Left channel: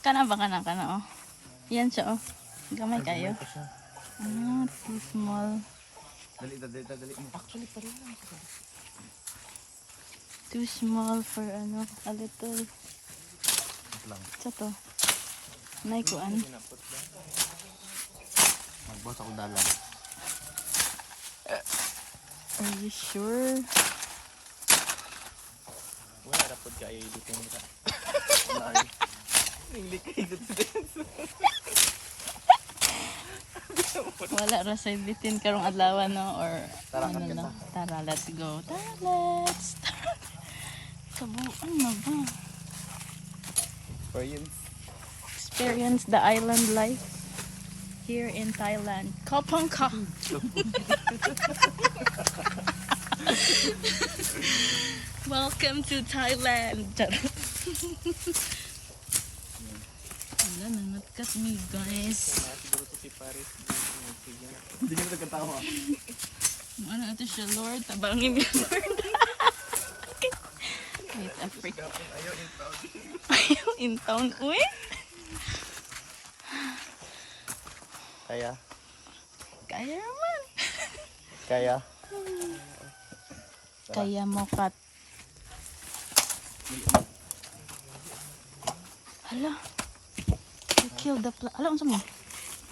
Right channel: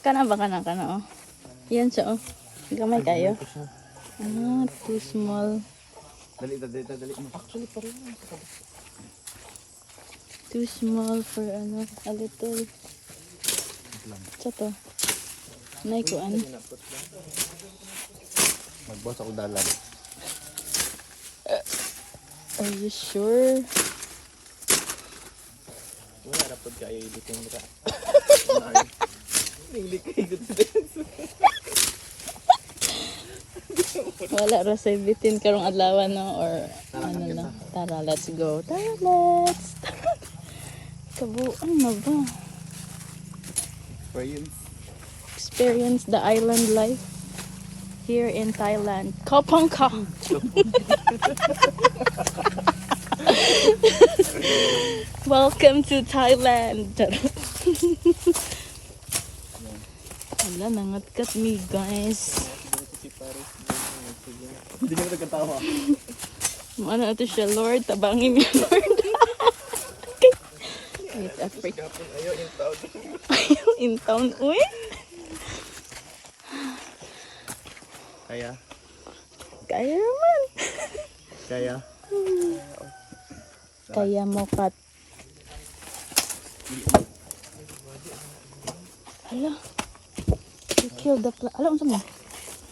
Kana ba kana oh. Yan siya oh. Gamay kayo. Ah, too small. Dali. Actually, parin lang. Too small for ano, a little. Sa to. Nay kuan. Magbawas ako dalan. Are you sure? Wala dapat kayo ilitin ka. Wala ra say bitin karong adlaw no or ano no. Tara, let's go. Tara, let's. Kabuan na ba? Experience the island life here in Thailand. Kopang Ka. Welcome to Thailand. Wala, nangatkat me guys. Hindi ka nagkatawa. Ano ito siya, Lord? Tabangin niya, Lord. Wait, Africa. Ayaw in town. Uy? Kaya? Kaya naman. Kaya? Kaya mo, Kat. Hala. You killed the plant. Hala, unsa mo?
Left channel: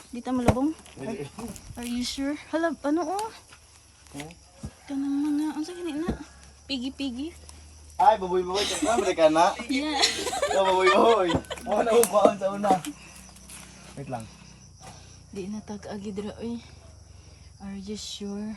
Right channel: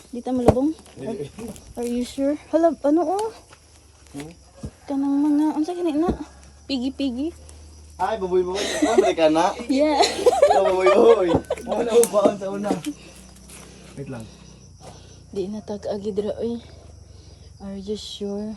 Di ta malabong? Are you sure? Hala, ano oh? Kanang mga, unsa gani na? Pigi-pigi? Ay, baboy. Ano ka na? Yeah. Baboy. Ano ba sa una? Wait lang. Di na tag-agi dira, oy. Are you sure?